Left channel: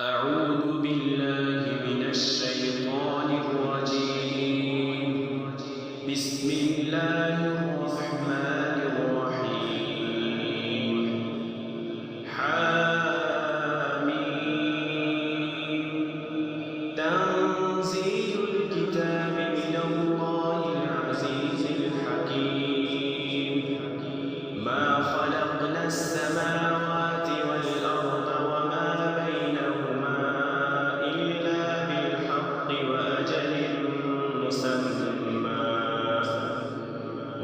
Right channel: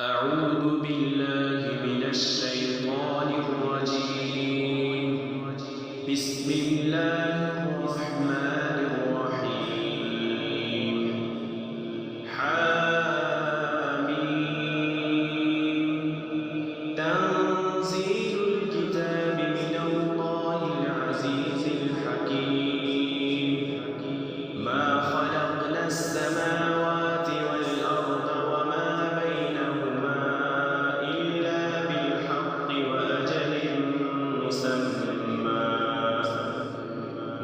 أعوذ بالله من الشيطان الرجيم. بسم الله الرحمن الرحيم. حاميم. تنزيل الكتاب من الله العزيز الحكيم. ما خلقنا السماوات والأرض وما بينهما إلا بالحق وأجل مسمى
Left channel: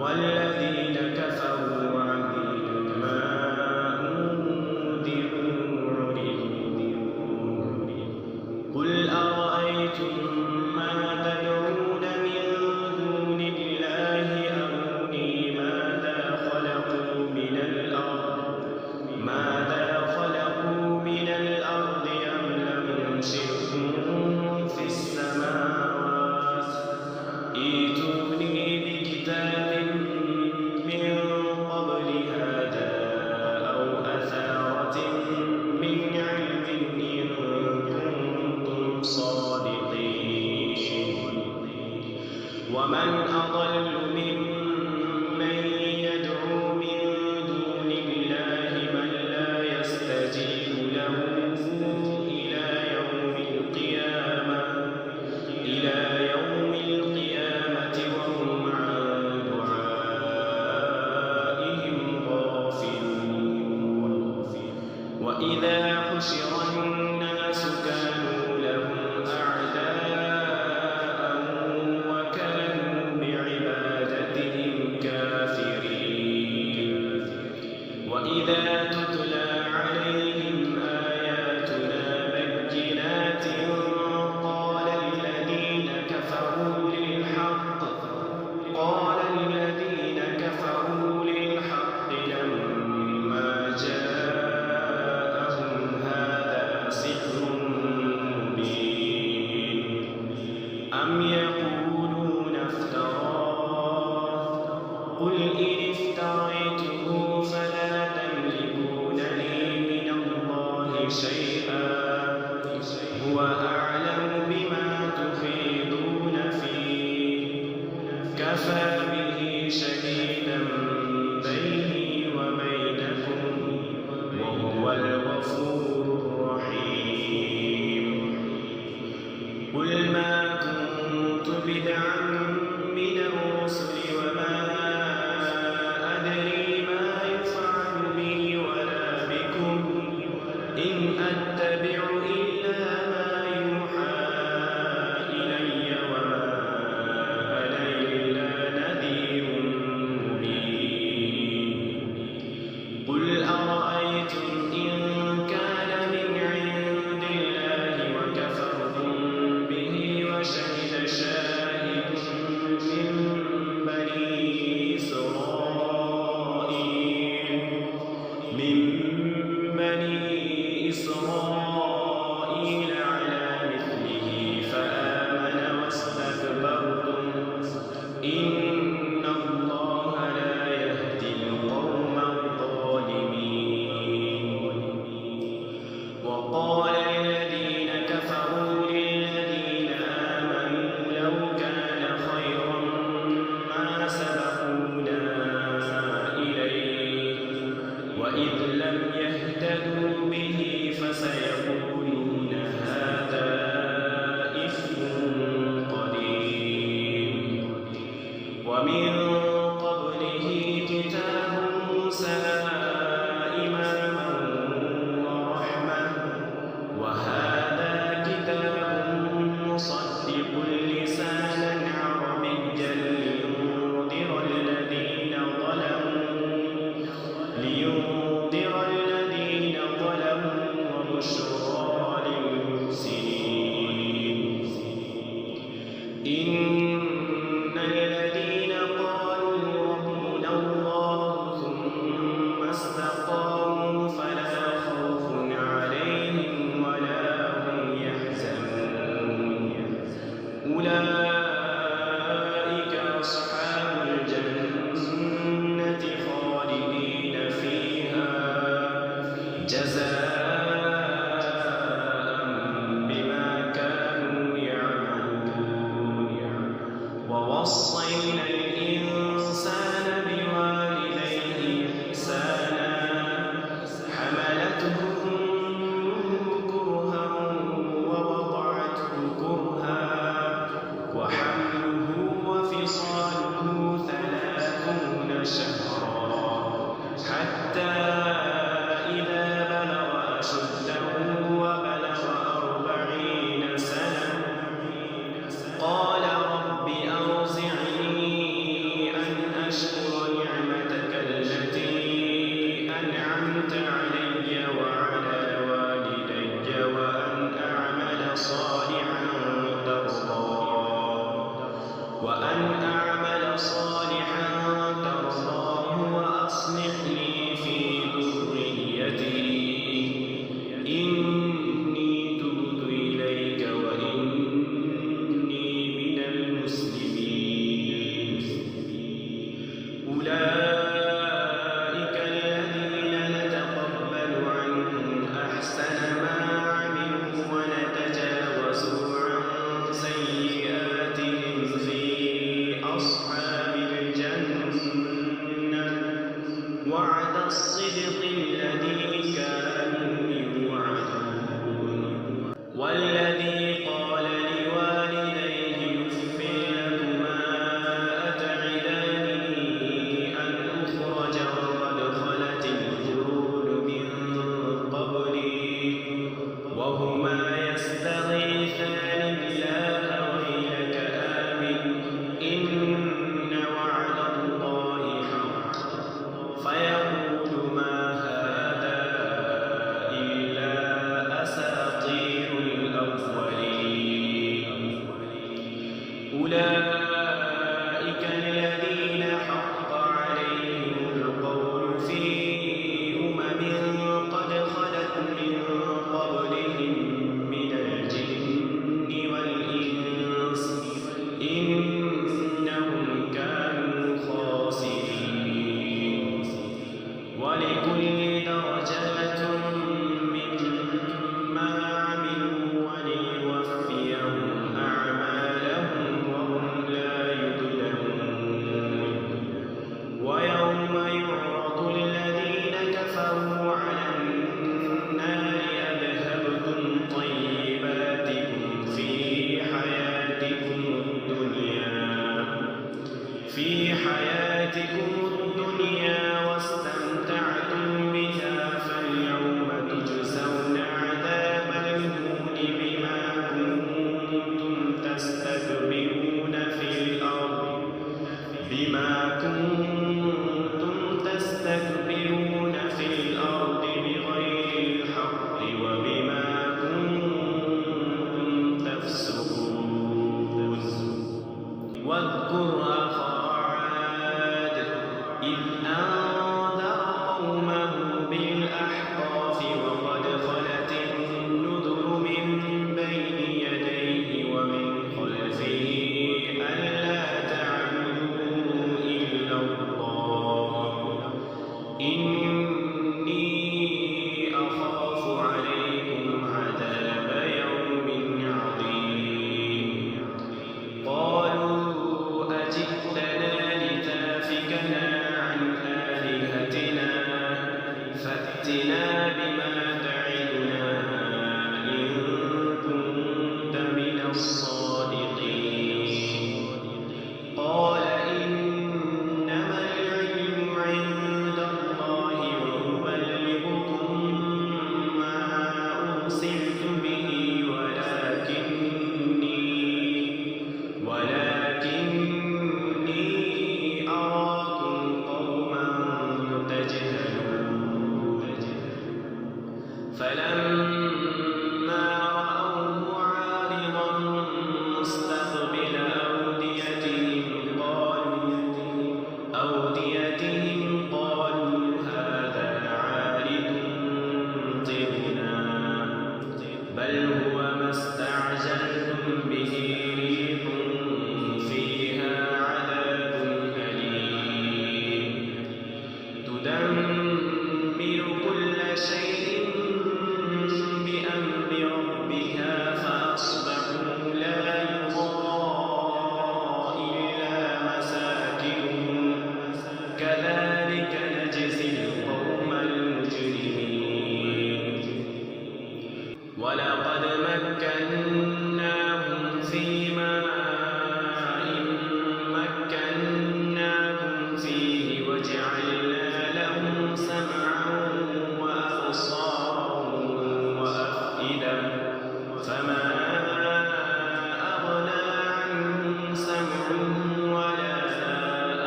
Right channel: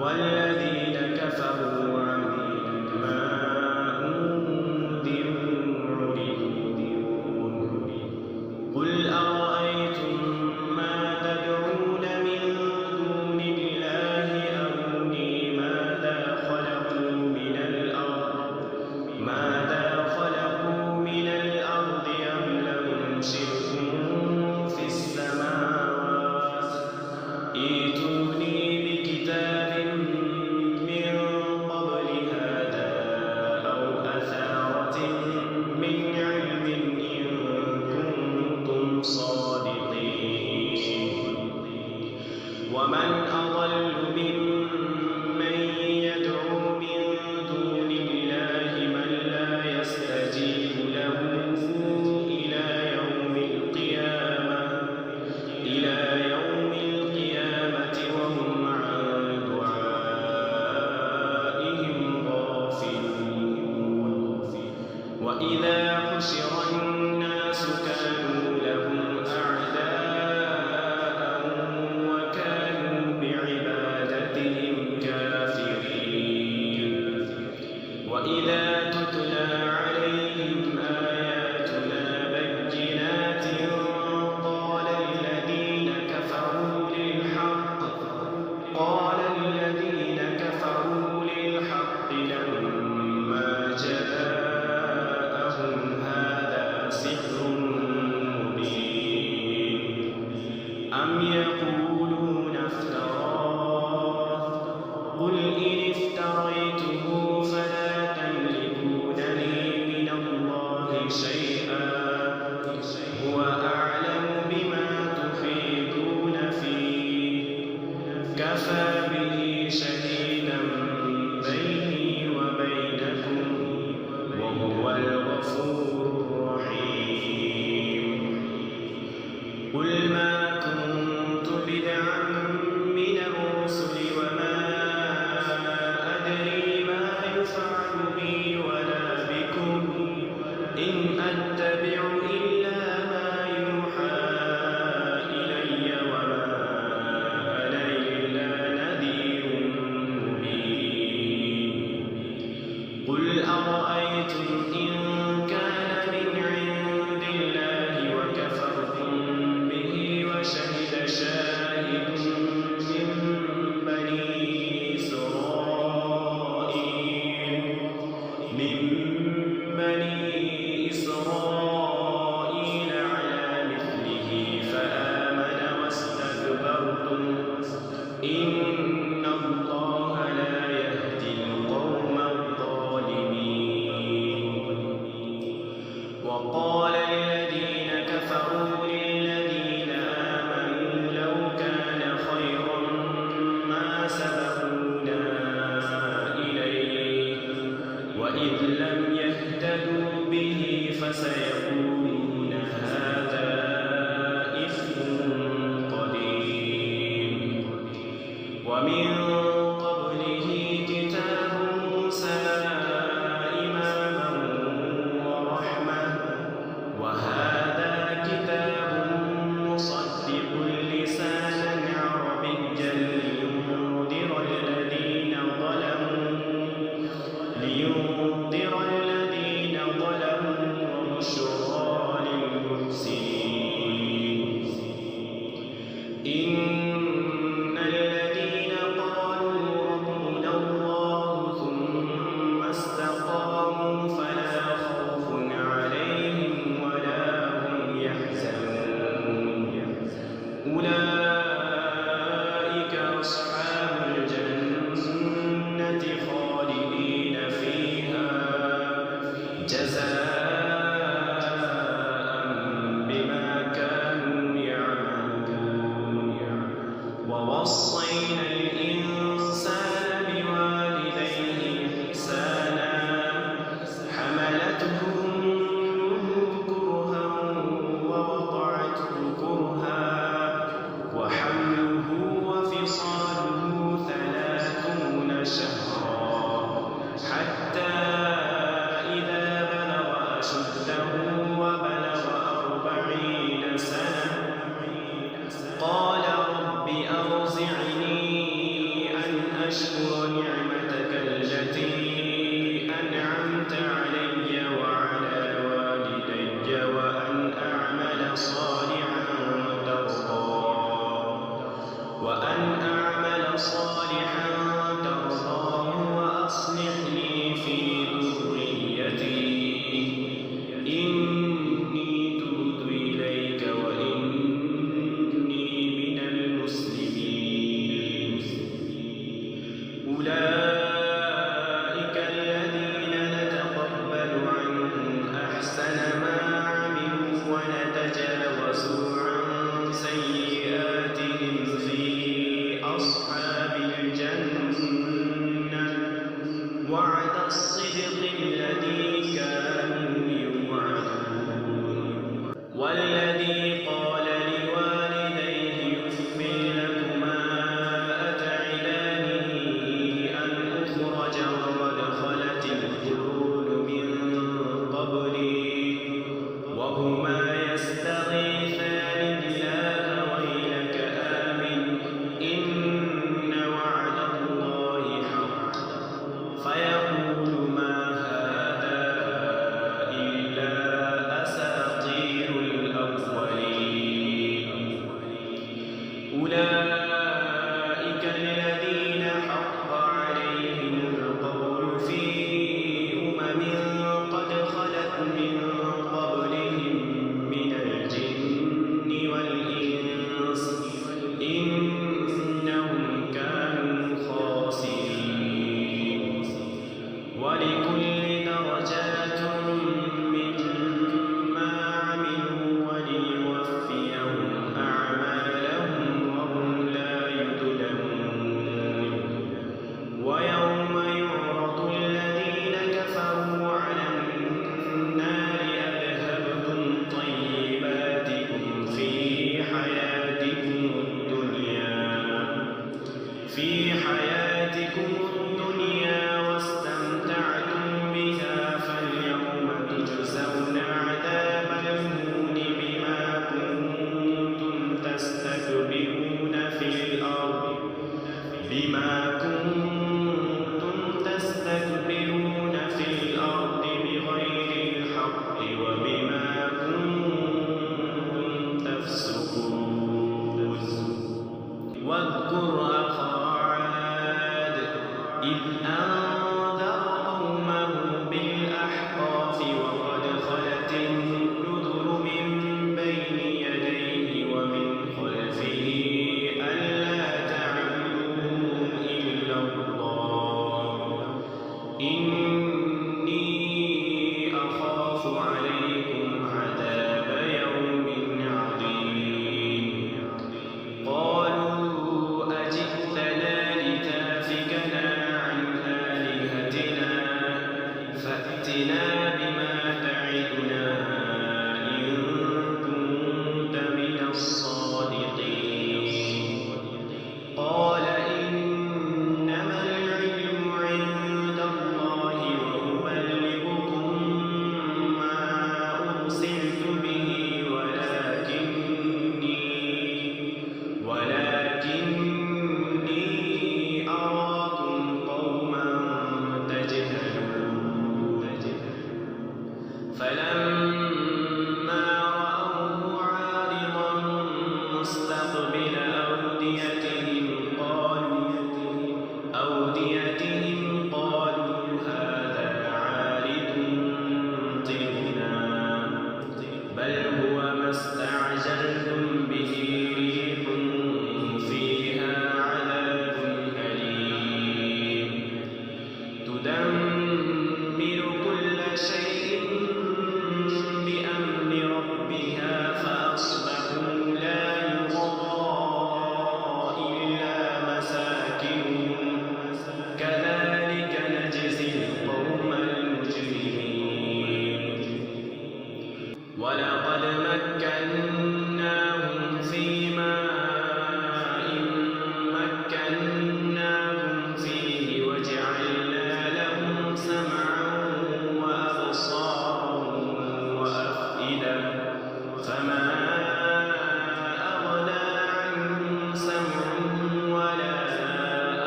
والذين كفروا عما أنذروا معرضون. قل أرأيتم ما تدعون من دون الله أروني ماذا خلقوا من الأرض أم لهم شرك في السماوات ائتوني بكتاب من قبل هذا أو أثارة من علم إن كنتم صادقين. ومن أضل ممن يدعو من دون الله من لا يستجيب له إلى يوم القيامة وهم عن دعائهم غافلون. وإذا حشر الناس كانوا لهم أعداء وكانوا بعبادتهم كافرين. وإذا تتلى عليهم آياتنا بينات قال الذين كفروا للحق لما جاءهم هذا سحر مبين. أم يقولون افتراه قل إن افتريته فلا تملكون لي من الله شيئا هو أعلم بما تفيضون فيه كفى به شهيدا بيني وبينكم وهو الغفور الرحيم. قل ما كنت بدعا من الرسل وما أدري ما يفعل بي ولا بكم إن أتبع إلا ما يوحى إلي وما أنا إلا نذير مبين. قل أرأيتم إن كان من عند الله وكفرتم به وشهد شاهد من بني إسرائيل على مثله فآمن واستكبرتم إن الله لا يهدي القوم الظالمين. وقال الذين كفروا للذين آمنوا لو كان خيرا ما سبقونا إليه وإذ لم يهتدوا به فسيقولون هذا إفك قديم. ومن قبله كتاب موسى إماما ورحمة وهذا كتاب مصدق لسانا عربيا لينذر الذين ظلموا وبشرى للمحسنين. إن الذين قالوا ربنا الله ثم استقاموا فلا خوف عليهم ولا هم يحزنون. ووصينا الإنسان بوالديه إحسانا حملته أمه كرها ووضعته كرها وحمله وفصاله 30 شهرا حتى إذا بلغ أشده وبلغ 40 سنة قال رب أوزعني أن أشكر نعمتك التي أنعمت علي وعلى والدي وأن أعمل صالحا ترضاه وأصلح لي في ذريتي إني تبت إليك وإني من المسلمين أولئك الذين نتقبل عنهم أحسن ما عملوا ونتجاوز عن سيئاتهم في أصحاب الجنة وعد الصدق الذي كانوا يوعدون والذي قال لوالديه أف لكما أتعدانني أن أخرج وقد خلت القرون من قبلي وهما يستغيثان الله ويلك آمن إن وعد الله حق فيقول ما هذا إلا أساطير الأولين أولئك الذين حق عليهم القول في قد خلت من قبلهم من الجن والإنس إنهم كانوا خاسرين ولكل درجات مما عملوا وليوفيهم أعمالهم وهم لا يظلمون ويوم يعرض الذين كفروا على النار أذهبتم طيباتكم في حياتكم الدنيا واستمتعتم بها فاليوم تجزون عذاب الهون بما كنتم تستكبرون في الأرض بغير الحق وبما كنتم تفسقون واذكر أخا عاد إذ أنذر قومه بالأحقاف وقد خلت النذر من بين يديه ومن خلفه ألا تعبدوا إلا الله إني أخاف عليكم عذاب يوم عظيم قالوا أجئتنا لتافكنا عن آلهتنا فأتنا بما تعدنا إن كنت من الصادقين قال إنما العلم عند الله وأبلغكم ما أرسلت به ولكني أراكم قوما تجهلون فلما رأوه عارضا مستقبل أوديتهم قالوا هذا عارض ممطرنا بل هو ما استعجلتم به ريح فيها عذاب أليم تدمر كل شيء بأمر ربها فأصبحوا لا يرى إلا ولقد مكناهم في ماء مكناكم فيه وجعلنا لهم سمعا وأبصارا وأفئدة فما أغنى عنهم سمعهم ولا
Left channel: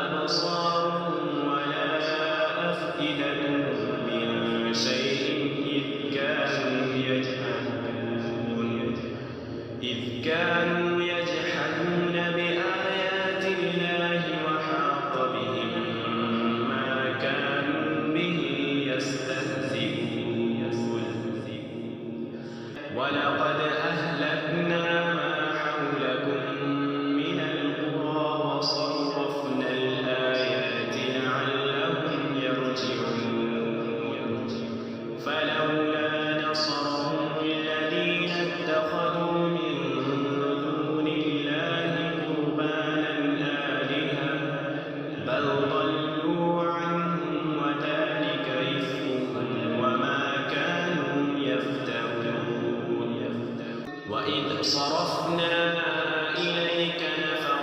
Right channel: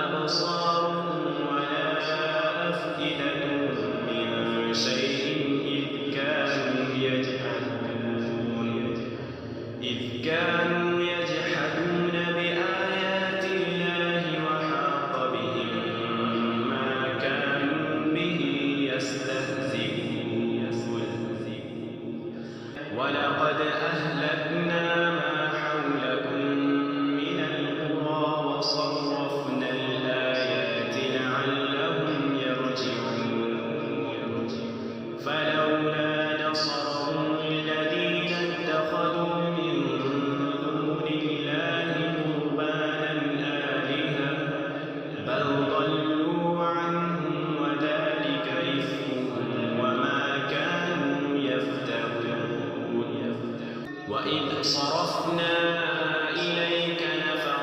أبصارهم ولا أفئدتهم من شيء إذ كانوا يجحدون بآيات الله وحاق بهم ما كانوا به يستهزئون ولقد أهلكنا ما حولكم من القرى وصرفنا الآيات لعلهم يرجعون فلولا نصرهم الذين اتخذوا من دون الله قربانا آلهة بل ضلوا عنهم وذلك إفكهم وما كانوا يفترون وإذ صرفنا إليك نفرا